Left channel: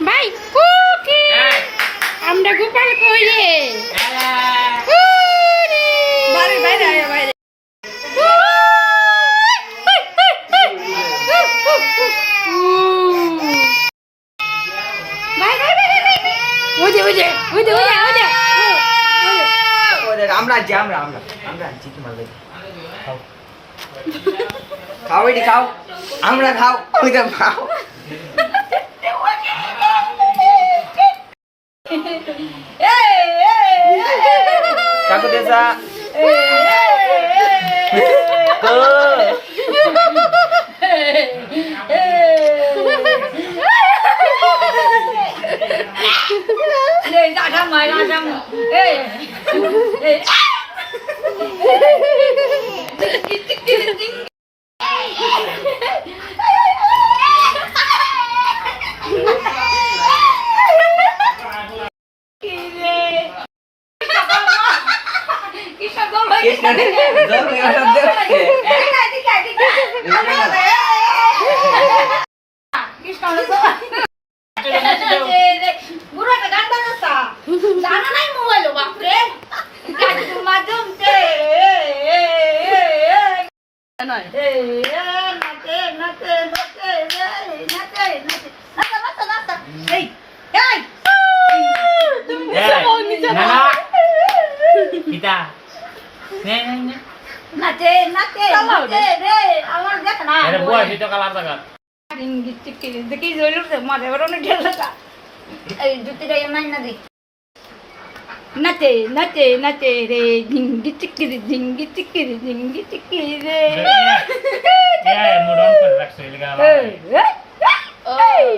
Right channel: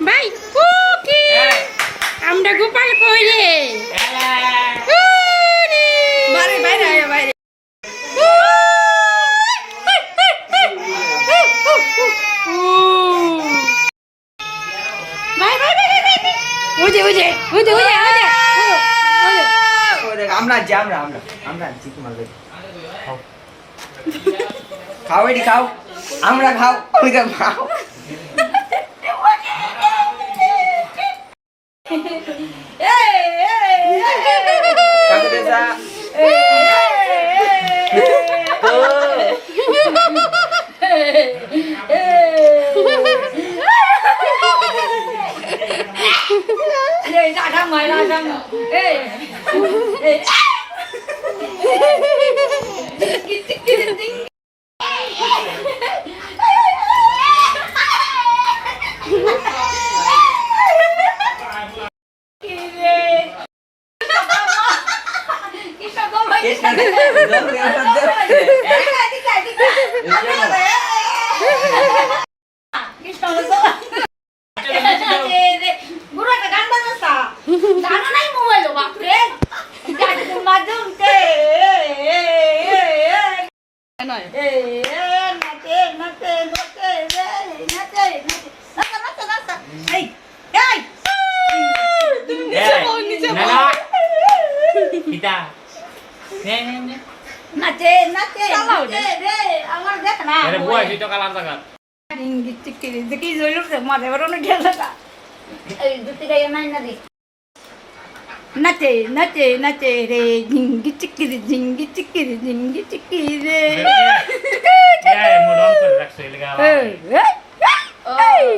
ভাই কুকি আমরা গোপাল কই রে বাইরে বাইরে আয় বাইরে ভাই ভাই ভাই ভাই ওজে ওজে ওজে ওজে ওজে ওরে আমরা আছি আমরা আছি তোমার ভাই খাও খাও এটি খাও আমরা খাও ওইটা খাও কাকু দেসা Ra mày ra ra ê ê বুড়ো একটা গান বাজাচ্ছা জানা নাই মোবাইল বাপরে গাড়ির মাধ্যমে নয় নাচে নাচে নাচে নাচে নাচে নাচা নাচা নাচা এই এই Nana. Kita. Ne. নাচে নাচে নাচে রে আমার দেখ না Ada buah situ kalah tak? ডিঙ্গি চিকিরি দেখি জইলুর মাঝে বড় না ঢেলা এই দুটি গায়ে মাই না দি নাচে নাচে নাচে রে ডিঙ্গি চিকিরি রে Ya, mau doang per raksa ilegal. এই